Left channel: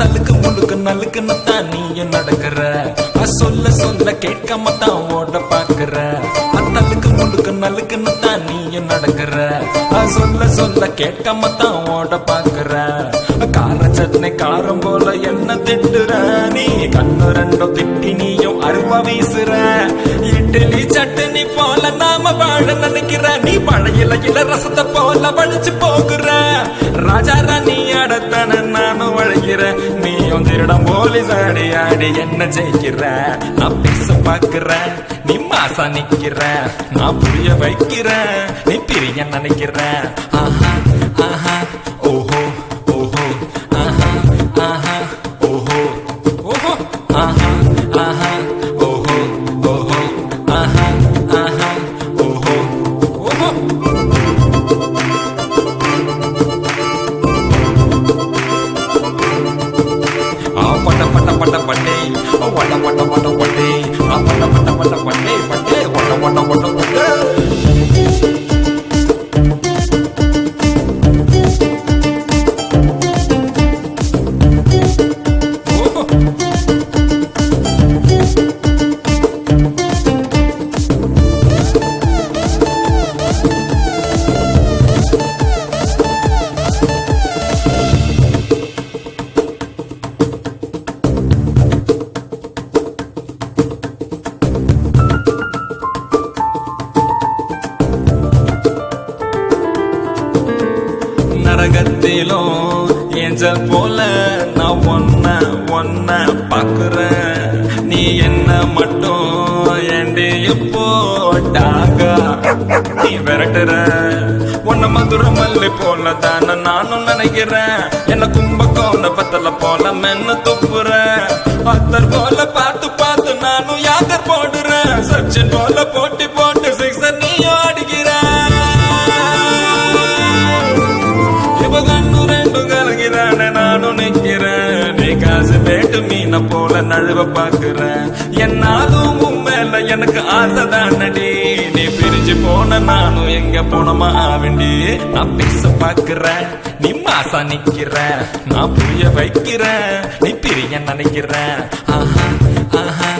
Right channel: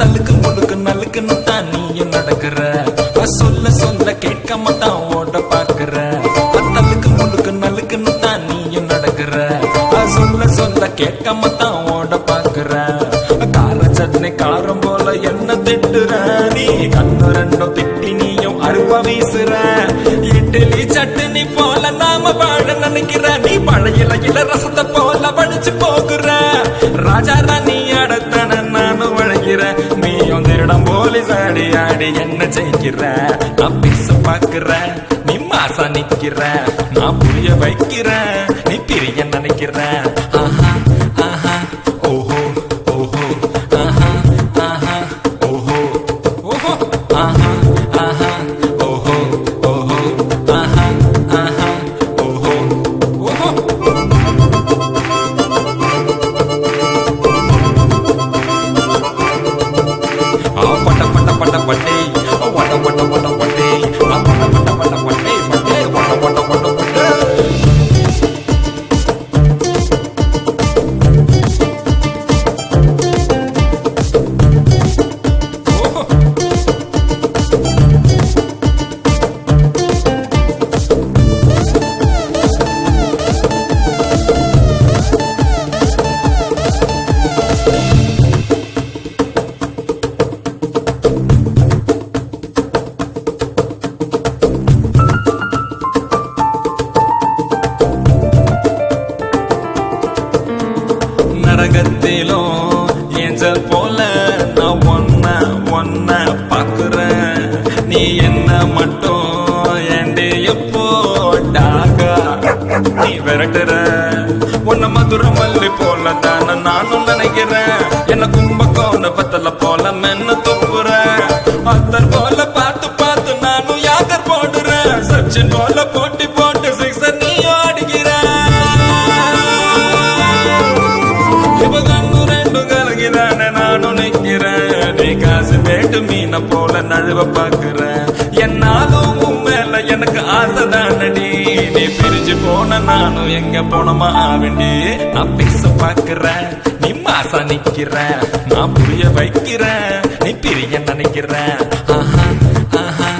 தலுக்கு முழுக்கு நலுக்குன்னு தான் நீயும் நடக்கிற சொல்ல சொல்ல கேட்காம தான் ஓட பாக்குற தலுக்கு முழுக்கு நலுக்குன்னு தான் நீயும் நடக்கிற சொல்ல சொல்ல கேட்காம தான் ஓட பாக்குற கார சட்னி காரம் போல என்ன திட்டுற நீ கண்ணு ரெண்டும் திட்டி நீயும் அருவா வீசுற இட்லி சட்னி போல நாம வாழ நினைக்கிற நீ பழையில இல ரசத்தை போல வழிச்சு போகுற ராஜா ராணி அடத்தான நானும் வழகிற நீயும் திருடம் போலீஸ் ஆடி ஆடி என்ன ஜெயிக்கிற நான் பேச பாக்குற நீ மாசா நிக்கிற நான் புரிய வைக்கிற நீ பிரிய நினைக்கிற ஆஹா ஆஹா ஓஹோ ஓஹோ ஆஹா ஆஹா ஓஹோ ஓஹோ ஆஹா ஆஹா ஓஹோ ஓஹோ ஆஹா ஆஹா ஓஹோ ஓஹோ பட்ட பட்ட பட்ட பட்டே வட்ட வட்ட வட்ட பட்டே பட்ட பட்ட பட்ட பட்டே பட்டே வட்ட வட்ட வட்ட பட்டே நரகத்திலும் ஏஞ்சல் போல நான் ஒன்ன பாக்குறேன் நீ என்ன மட்டும் ஏண்டி எப்போ டாகா நீ விரட்டுற உன்ன மதுர மல்லி போல தானே நானும் நினைக்கிறேன் என்ன கும்பகோண பத்தல போல மென்னு துப்புற அத்தர் போல பார்த்து பார்த்து நானும் யாக்கர் போடுறேன் சச்சின் போல போட்டி போட்டு சிக்ஸர் நீயும் அடிக்கிற இப்ப கண்ணு ரெண்டும் கலகிதானே நானும் நிக்கிறேன் நீ காசு பேட்டு மீன போல நழுவ பாக்குறேன் என்னாலும் உண்மையில எனக்கு ஆசைதானடி நீ பிரிஞ்சு போன நானும் எங்க போனமா ஆவேண்டி நான் பேச பாக்குறேன் நீ மாசா நிக்கிற நான் புரிய வைக்கிறேன் நீ பிரிய நினைக்கிற ஆஹா ஆஹா